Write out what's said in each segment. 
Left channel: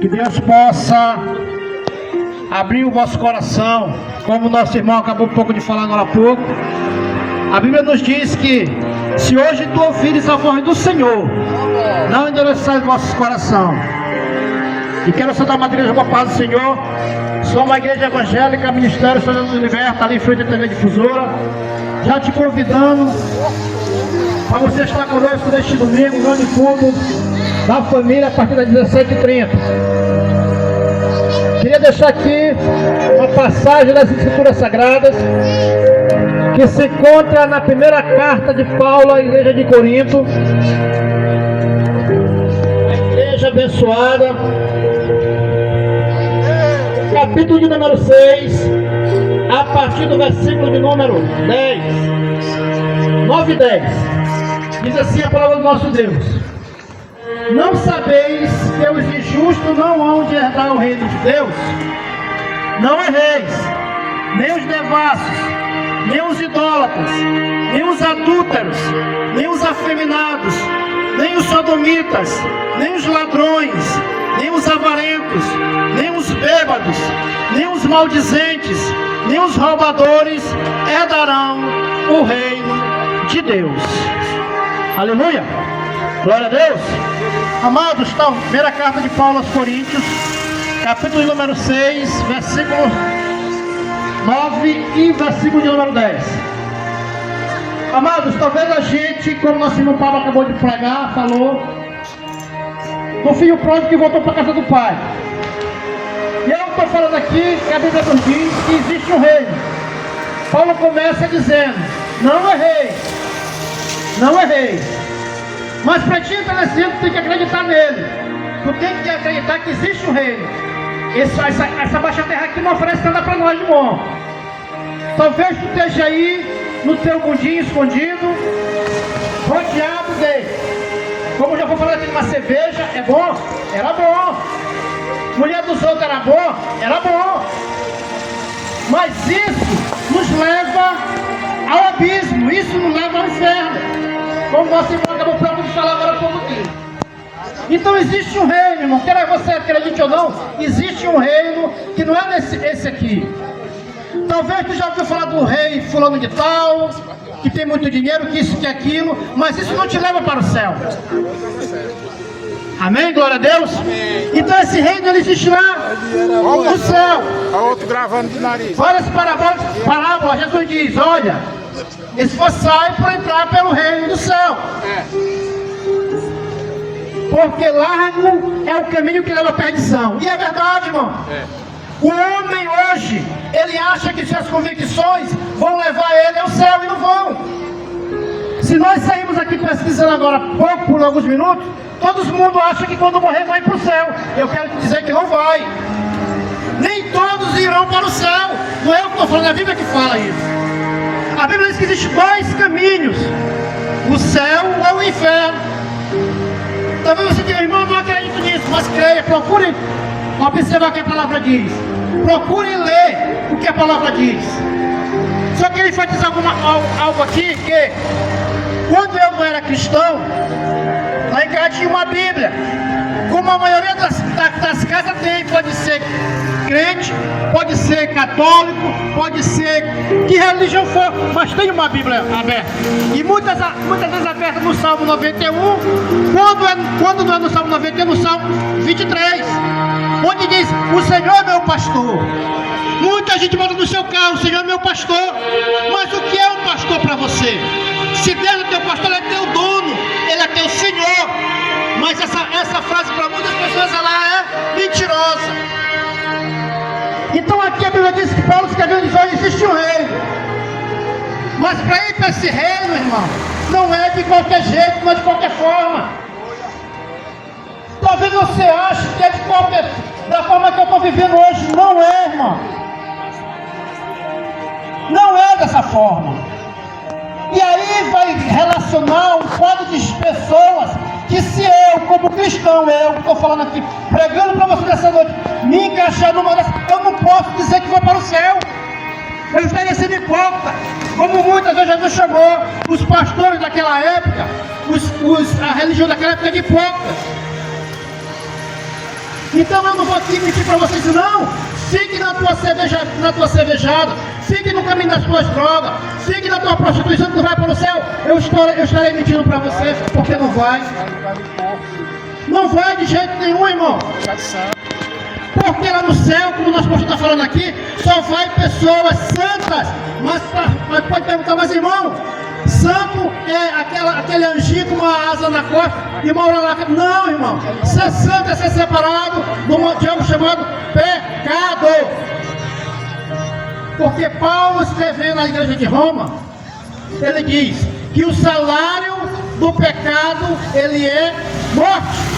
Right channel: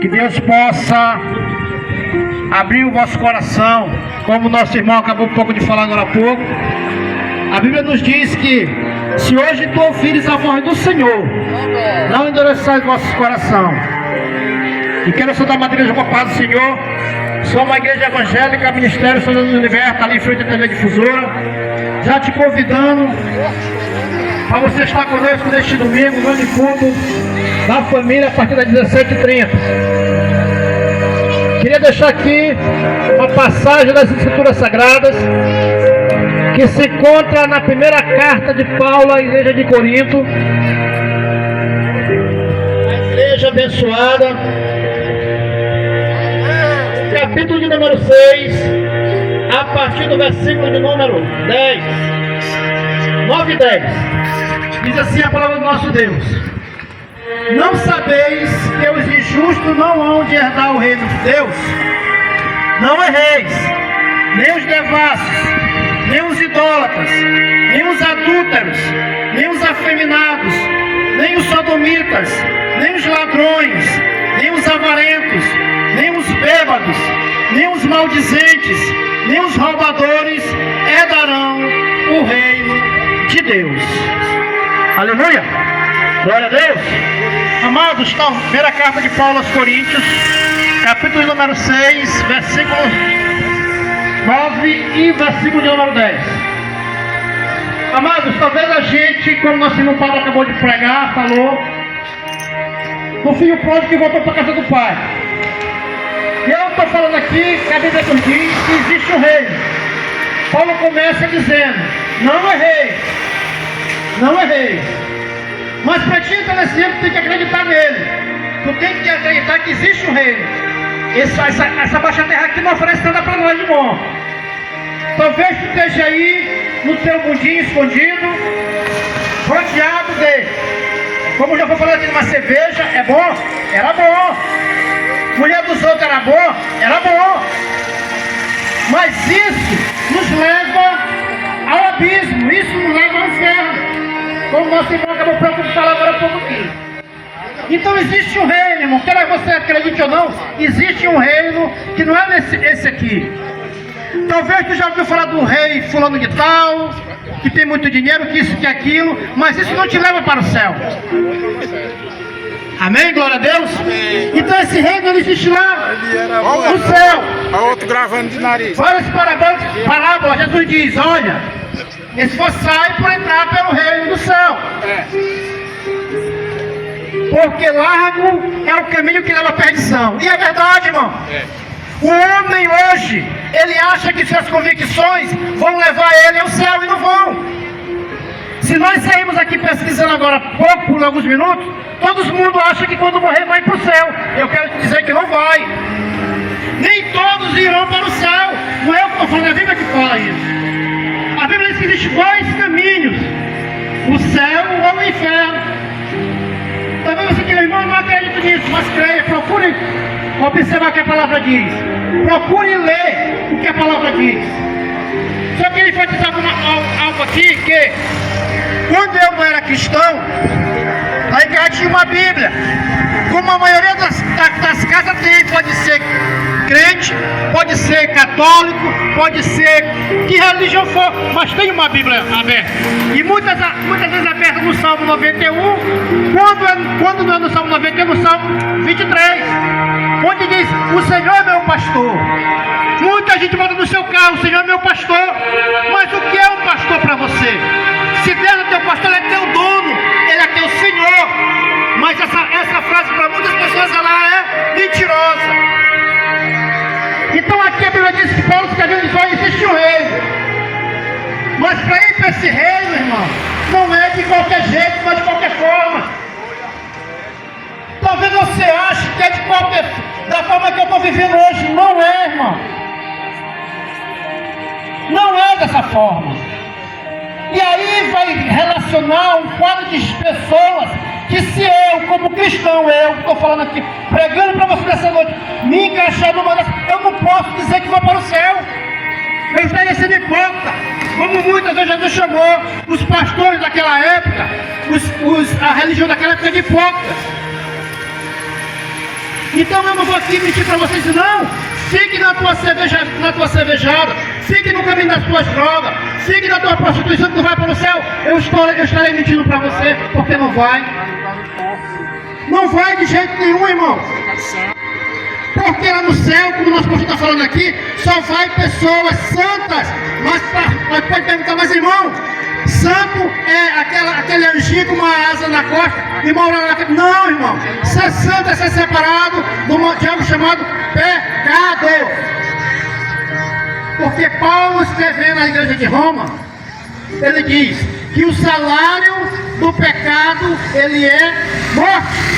Que Deus possa abrir o vosso coração, como o nosso irmão acabou um pouco de falar agora há pouco. A Bíblia nos diz que se hoje tu ouvires a voz do Senhor, não endureçais vossos coração. E quero saudar uma igreja com a paz do Senhor. Sou uma igreja evangélica, Ministério Senhor nos Liberta, ali em frente à TV Difusora. Já te convidando para você estar conosco neste domingo, grande culto da família, a partir das 17h30. Queria deixar aqui uma passagem das Escrituras Sagradas, que se encontra na primeira carta de Paulo à igreja de Corinto, a igreja abençoada, capítulo de número 6, a partir do versículo de número 10, 9 e 10, diz assim a palavra do nosso Deus: não sabeis que os injustos não hão de herdar o reino de Deus? Não erreis, nem os devassos, nem os idólatras, nem os adúlteros, nem os afeminados, nem os sodomitas, nem os ladrões, nem os avarentos, nem os bêbados, nem os maldizentes, nem os roubadores herdarão o reino de Deus. Aleluia! Glória a Deus! Amados, está a primeira carta de Paulo aos Coríntios, capítulo número 6, versículo 9 e versículo de número 10. Amados, talvez a gente, como nosso irmão Paulo acabou de pregar, falou do filho pródigo que voltou para a casa do pai. E eu estou falando aqui que a Bíblia nos diz que existe um reino. Paulo começa dizendo: não errei, não errei. Mas para ti entrar nesse reino, tu tem que acreditar nele. Tu tem que acreditar que existe um reino. Essa baixa terra aqui não oferece nada para nós de bom. Talvez tu esteja aí no teu mundinho escondido, rodeado dele. Como eu já vou falar aqui, uma cerveja é bom? Era bom. Mulher dos outros era bom? Era bom. Mas isso nos leva ao abismo, isso nos leva ao inferno. Como nosso irmão acabou próprio de falar agora há pouco aqui. Então existe um reino, irmão, quer você acredite ou não, existe um reino que não é esse aqui. Talvez tu já ouviu falar do rei fulano de tal, que tem muito dinheiro, que isso, que aquilo, mas isso não te leva para o céu. Amém? Glória a Deus? Amém. Então esse reino ele existe lá no céu. A outro gravando de nariz. Várias parábolas, Jesus diz: olha, esforçai por entrar pelo reino do céu. Porque largo é o caminho que leva à perdição. E é verdade, irmão. O homem hoje, ele acha que suas convicções vão levar ele ao céu, e não vão. Se nós sairmos aqui pesquisando agora há pouco, por alguns minutos, todo mundo acha que quando morrer vai para o céu. Eu quero te dizer que não vai. Nem todos irão para o céu. Não é eu que estou falando, é a Bíblia que fala isso. A Bíblia diz que existem dois caminhos: o céu ou o inferno. Talvez você diga: irmão, não acredito nisso, mas creia, procure observar o que a palavra diz. Procure ler o que a palavra diz. Só queria enfatizar algo aqui, que quando eu não era cristão, a igreja tinha uma Bíblia. Como a maioria das casas tem, pode ser crente, pode ser católico, pode ser que religião for, mas tem uma Bíblia aberta. E muitas vezes aberta no Salmo 91, quando não é no Salmo 91, no Salmo 23, onde diz: o Senhor é meu pastor. Muita gente manda no seu carro: o Senhor é meu pastor. Mas o que é um pastor para você? Se Deus é teu pastor, ele é teu dono, ele é teu Senhor. Mas essa frase para muitas pessoas ela é mentirosa. Então aqui a Bíblia diz que Paulo escreveu: diz: olha, existe um reino. Mas para ir para esse reino, irmão, não é de qualquer jeito, não é de qualquer forma. Talvez você ache que é da forma que eu estou vivendo hoje. Não é, irmão. Não é dessa forma. E aí vai relacionar um quadro de pessoas que, se eu, como cristão, eu estou falando aqui, pregando para você nessa noite, me encaixar numa dessas, eu não posso dizer que vou para o céu. Eu estaria sendo hipócrita. Como muitas vezes Jesus chamou os pastores daquela época, a religião daquela época de hipócritas. Então eu não vou aqui mentir para vocês, não. Fique na tua cervejada, fique no caminho das tuas drogas, fique na tua prostituição que não vai para o céu. Eu estarei mentindo para você, porque não vai. Não vai de jeito nenhum, irmão. Porque lá no céu, como nosso pastor está falando aqui, só vai pessoas santas. Mas pode perguntar, mas irmão, santo é aquele anjinho com uma asa na costa e mora lá. Não, irmão. Ser santo é ser separado de algo chamado pecado. Porque Paulo, escrevendo na igreja de Roma, ele diz que o salário do pecado, ele é morte.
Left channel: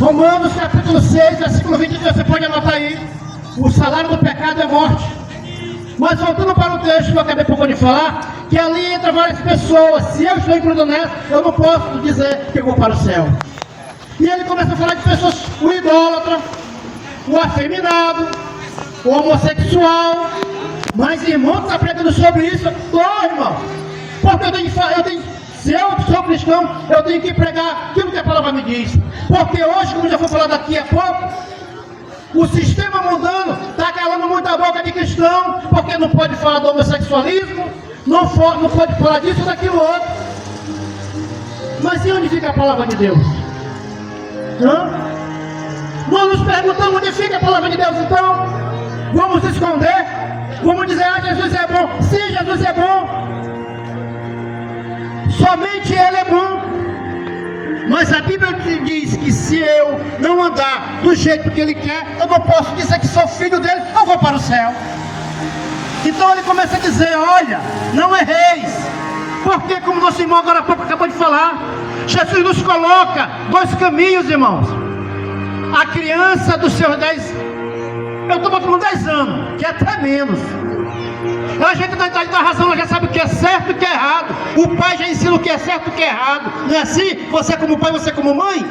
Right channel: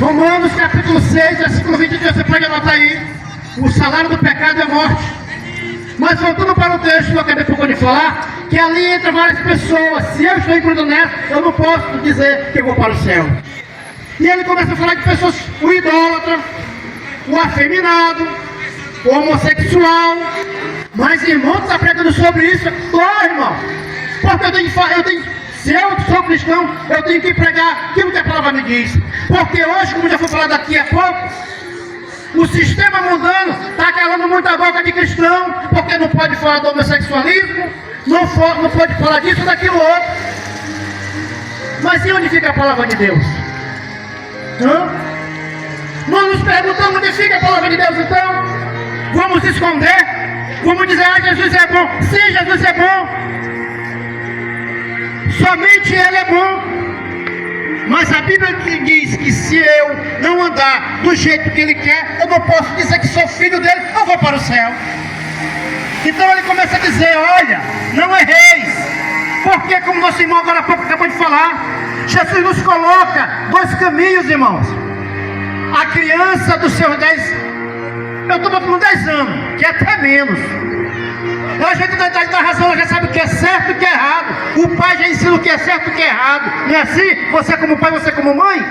Romanos capítulo 6, versículo 23, você pode anotar aí. O salário do pecado é morte. Mas voltando para o texto que eu acabei pouco de falar, que ali entra várias pessoas. Se eu estou incluído nessa, eu não posso dizer que eu vou para o céu. E ele começa a falar de pessoas, o idólatra, o afeminado, o homossexual. Mas irmão, está pregando sobre isso? Tô, irmão. Porque se eu sou cristão, eu tenho que pregar aquilo que a palavra me diz. Porque hoje, como já foi falado daqui a pouco, o sistema mundano está calando muita boca de cristão, porque não pode falar do homossexualismo, não pode falar disso ou daquilo outro. Mas e onde fica a palavra de Deus? Nós nos perguntamos onde fica a palavra de Deus, então? Vamos esconder? Vamos dizer, Jesus é bom. Sim, Jesus é bom. Somente Ele é bom. Mas a Bíblia diz que se eu não andar do jeito que Ele quer, eu não posso dizer que sou filho dele, eu vou para o céu. Então ele começa a dizer, olha, não erreis. Porque como nosso irmão agora há pouco acabou de falar, Jesus nos coloca dois caminhos, irmãos. A criança dos seus 10, eu estou com 10 anos, que é até menos. A gente dá razão, ela já sabe o que é certo e o que é errado. O pai já ensina o que é certo e o que é errado. Não é assim? Você como pai, você como mãe?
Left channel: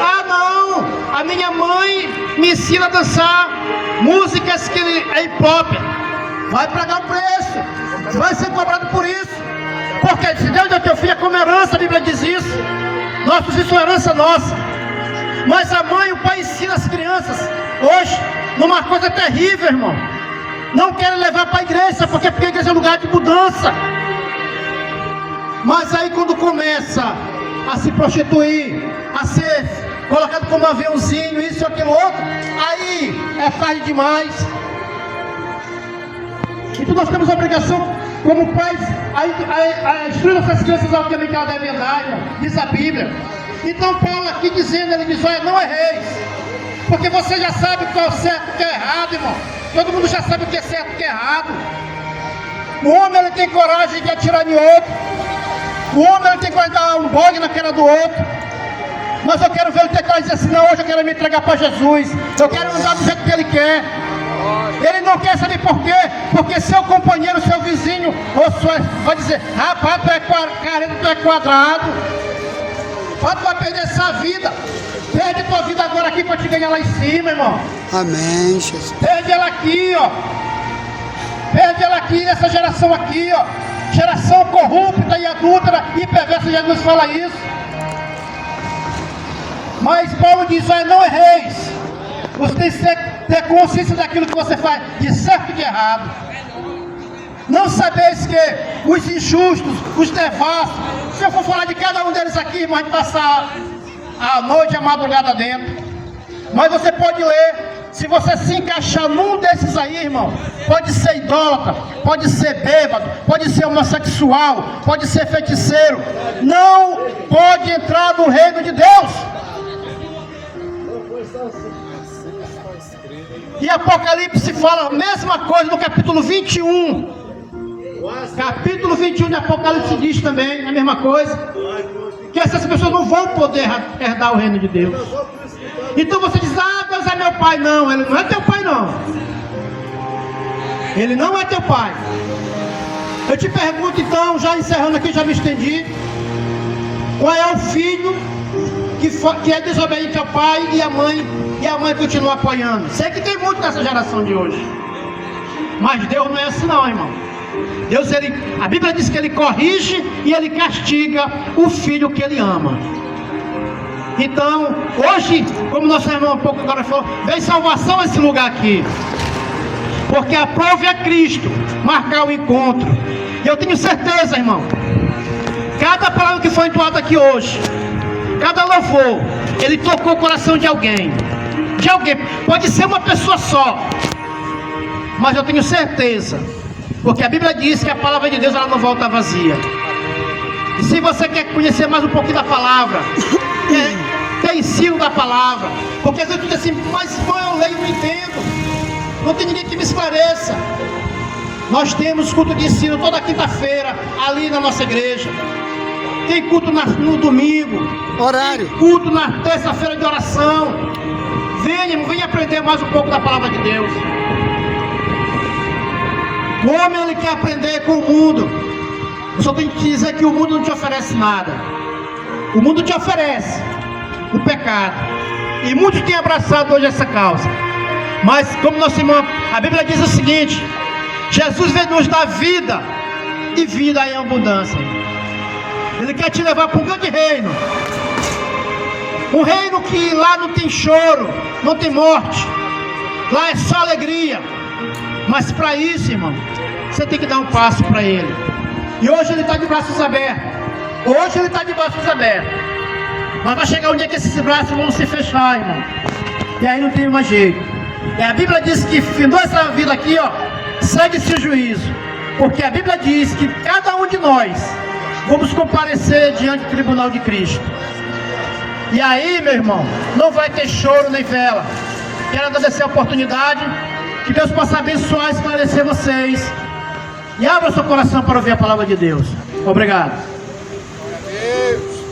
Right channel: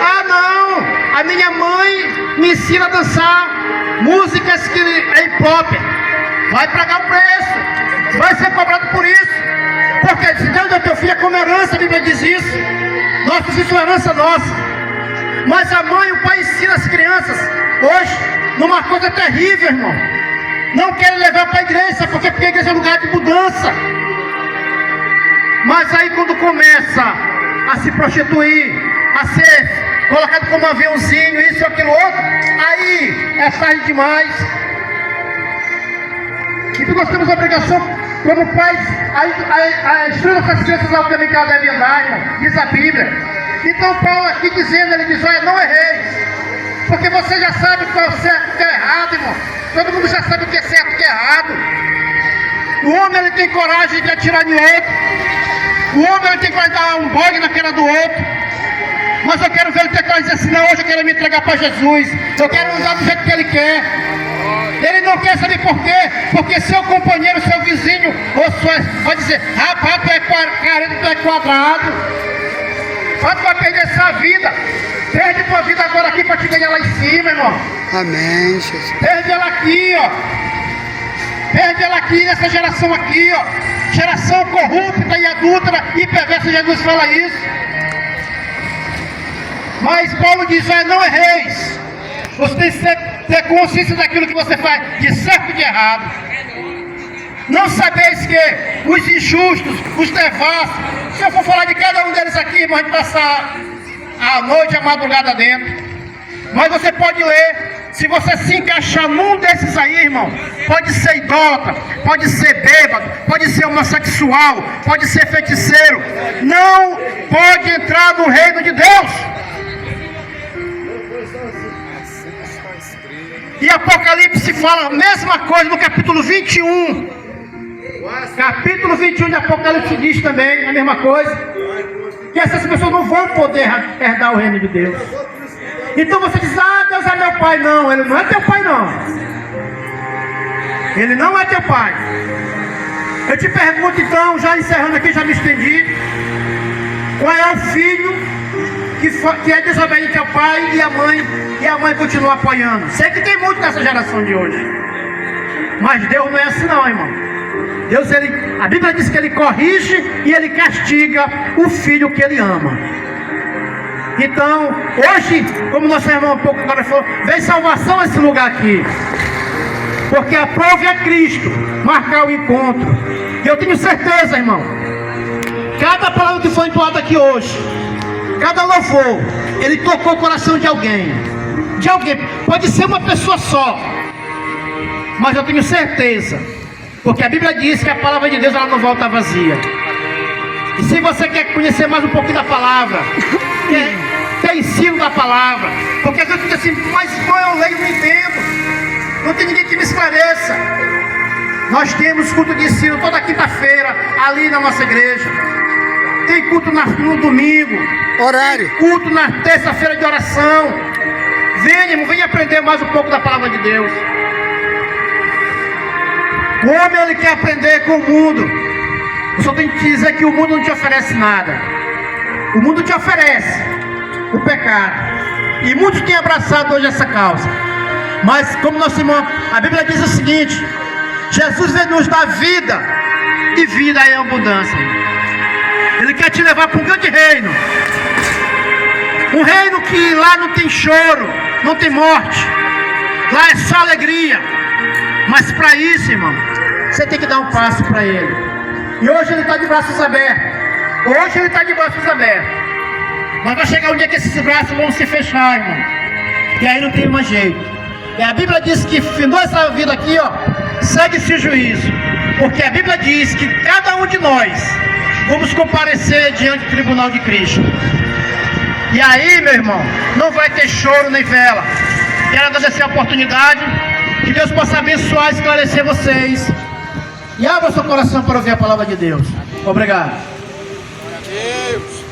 Ah, não! A minha mãe me ensina a dançar músicas que é hip hop. Vai pagar o preço. Vai ser cobrado por isso. Porque se Deus deu teu filho é como herança, a Bíblia diz isso. Nossa, isso é herança nossa. Mas a mãe e o pai ensinam as crianças hoje numa coisa terrível, irmão. Não querem levar para a igreja, porque a igreja é lugar de mudança. Mas aí quando começa a se prostituir, a ser colocado como aviãozinho, isso e aquilo outro, aí é tarde demais. Então nós temos a obrigação, como pais, a instruir nossas crianças ao caminho que elas devem andar, irmão, diz a Bíblia. Então Paulo aqui dizendo, ele diz, olha, não erreis, porque você já sabe qual é o certo e o que é errado, irmão. Todo mundo já sabe o que é certo e o que é errado. O homem, ele tem coragem de atirar em outro. O homem, ele tem coragem de dar um bogue na cara do outro. Mas eu quero ver ele ter coragem de dizer assim, não, hoje eu quero me entregar para Jesus. Eu quero andar do jeito que ele quer. Ele não quer saber por quê. Porque seu companheiro, seu vizinho, vai dizer, rapaz, tu é carente, tu é quadrado. Rapaz, tu vai perder essa vida. Perde tua vida agora aqui para te ganhar lá em cima, irmão. Amém, Jesus. Perde ela aqui, ó. Perde ela aqui, nessa geração aqui, ó. Geração corrupta e adúltera e perversa, Jesus fala isso. Mas Paulo diz, olha, não erreis. Você tem que ter consciência daquilo que você faz, de certo e de errado. Não sabeis que os injustos, os devassos, se eu for falar de cada um deles aqui, irmão, a gente passar a noite, a madrugada dentro. Mas você pode ler, se você se encaixar num desses aí, irmão, pode ser idólatra, pode ser bêbado, pode ser homossexual, pode ser feiticeiro, não pode entrar no reino de Deus. E Apocalipse fala a mesma coisa no capítulo 21. Capítulo 21 de Apocalipse diz também a mesma coisa. Que essas pessoas não vão poder herdar o reino de Deus. Então você diz, ah, Deus é meu pai. Não, Ele não é teu pai, não. Ele não é teu pai. Eu te pergunto então, já encerrando aqui, já me estendi, qual é o filho que é desobediente ao pai e a mãe continua apoiando? Sei que tem muito nessa geração de hoje. Mas Deus não é assim não, irmão. Deus, a Bíblia diz que Ele corrige e Ele castiga o filho que Ele ama. Então, hoje, como nosso irmão um pouco agora falou, vem salvação nesse lugar aqui. Porque a prova é Cristo marcar o encontro. E eu tenho certeza, irmão, cada palavra que foi entoada aqui hoje, cada louvor, ele tocou o coração de alguém. De alguém. Pode ser uma pessoa só, mas eu tenho certeza, porque a Bíblia diz que a palavra de Deus ela não volta vazia. E se você quer conhecer mais um pouquinho da palavra, ter ensino da palavra, porque às vezes tu diz assim, mas eu leio e não entendo, não tem ninguém que me esclareça. Nós temos culto de ensino toda quinta-feira ali na nossa igreja. Tem culto no domingo. Horário. Tem culto na terça-feira de oração. Venha, irmão, venha aprender mais um pouco da palavra de Deus. O homem ele quer aprender com o mundo. Eu só tenho que dizer que o mundo não te oferece nada. O mundo te oferece o pecado. E muitos têm abraçado hoje essa causa. Mas como nosso irmão, a Bíblia diz o seguinte: Jesus veio nos dar vida e vida em abundância. Ele quer te levar para um grande reino. Um reino que lá não tem choro, não tem morte. Lá é só alegria. Mas para isso, irmão, você tem que dar um passo para Ele. E hoje Ele está de braços abertos. Hoje Ele está de braços abertos. Mas vai chegar um dia que esses braços vão se fechar, irmão. E aí não tem mais jeito. E a Bíblia diz que findou essa vida aqui, ó, segue-se juízo. Porque a Bíblia diz que cada um de nós vamos comparecer diante do tribunal de Cristo. E aí, meu irmão, não vai ter choro nem vela. Quero agradecer a oportunidade. Que Deus possa abençoar e esclarecer vocês. E abra o seu coração para ouvir a palavra de Deus. Obrigado.